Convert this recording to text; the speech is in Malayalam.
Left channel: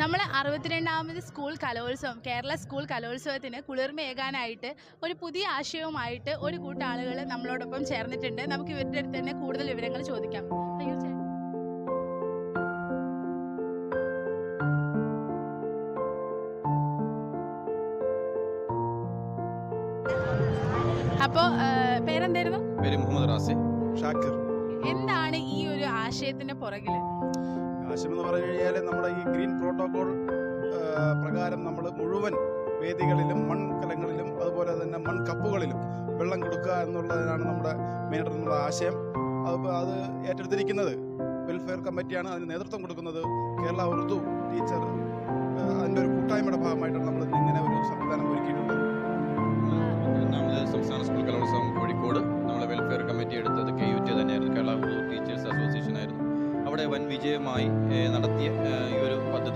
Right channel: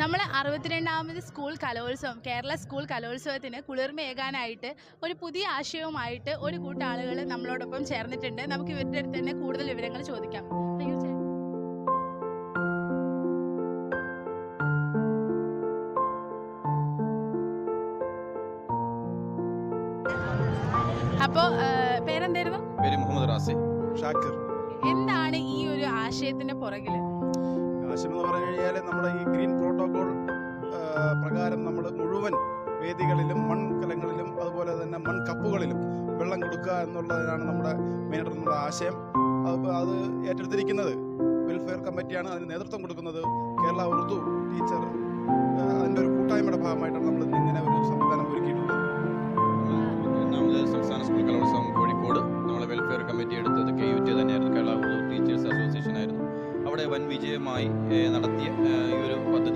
നമ്മൾ 62ാമത് സ്കൂൾ കലോത്സവം കേരള സ്കൂൾ കലോത്സവത്തിന് കുളിർമയേകാനായിട്ട് ഒരു പുതിയ ആശയവുമായിട്ട് ഒരു കൂട്ടം ആളുകൾ നമ്മളോടൊപ്പം ചേർന്നിട്ടുണ്ട്. നമുക്ക് ഇവരുടെ അടുത്ത് തന്നെ കൂടുതൽ വിവരങ്ങൾ ചോദിക്കാം. അയ്യോ ചേ അപ്പോൾ പേരെന്തായിരുന്നു? പേര് മുഹമ്മദ് റാസി ഷാക്കിർ. എന്താണ് ഈ ഒരു ആശയത്തിന്റെ പുറകിൽ? ആശയം എന്ന് പറഞ്ഞു കഴിഞ്ഞാൽ നമ്മുടെ ഈ ഗ്രീൻ പ്രോട്ടോകോൾ പ്രകാരം നമ്മൾ മുഴുവൻ വേദികളിലും മൺകലങ്ങളിലും അതുപോലെ തന്നെ മൺകപ്പുകളിലും വെള്ളം കൊടുക്കുക എന്നുള്ളതിനാണ് നമ്മുടെ മെയിനായിട്ടുള്ള ആശയം. അത് ഏറ്റെടുത്തിരിക്കുന്നത് വെൽഫെയർ കമ്മിറ്റിയാണ്. അതിന് നേതൃത്വം കൊടുക്കുന്നത് കേരള ഉറുദു ടീച്ചർ. അതിൻ്റെ ഒരു കൂട്ടായ്മയുടെ ഭാഗമായിട്ടാണ് നമ്മൾ ഇങ്ങനെ ഒരു സംവിധാനം ഒരുക്കിയിട്ടുള്ളത്. സംസ്ഥാന സ്കൂൾ കലോത്സവം കോഴിക്കോട് നമ്മൾ വെൽഫെയർ കമ്മിറ്റി എടുത്തത് KUT തന്നെയായിരുന്നു, കേരള ഉറുദു ടീച്ചേഴ്സ് അസോസിയേഷൻ ആയിരുന്നു. അവിടെ വൻ വിജയമായി നടത്തിയ ഈ ഒരു പദ്ധതി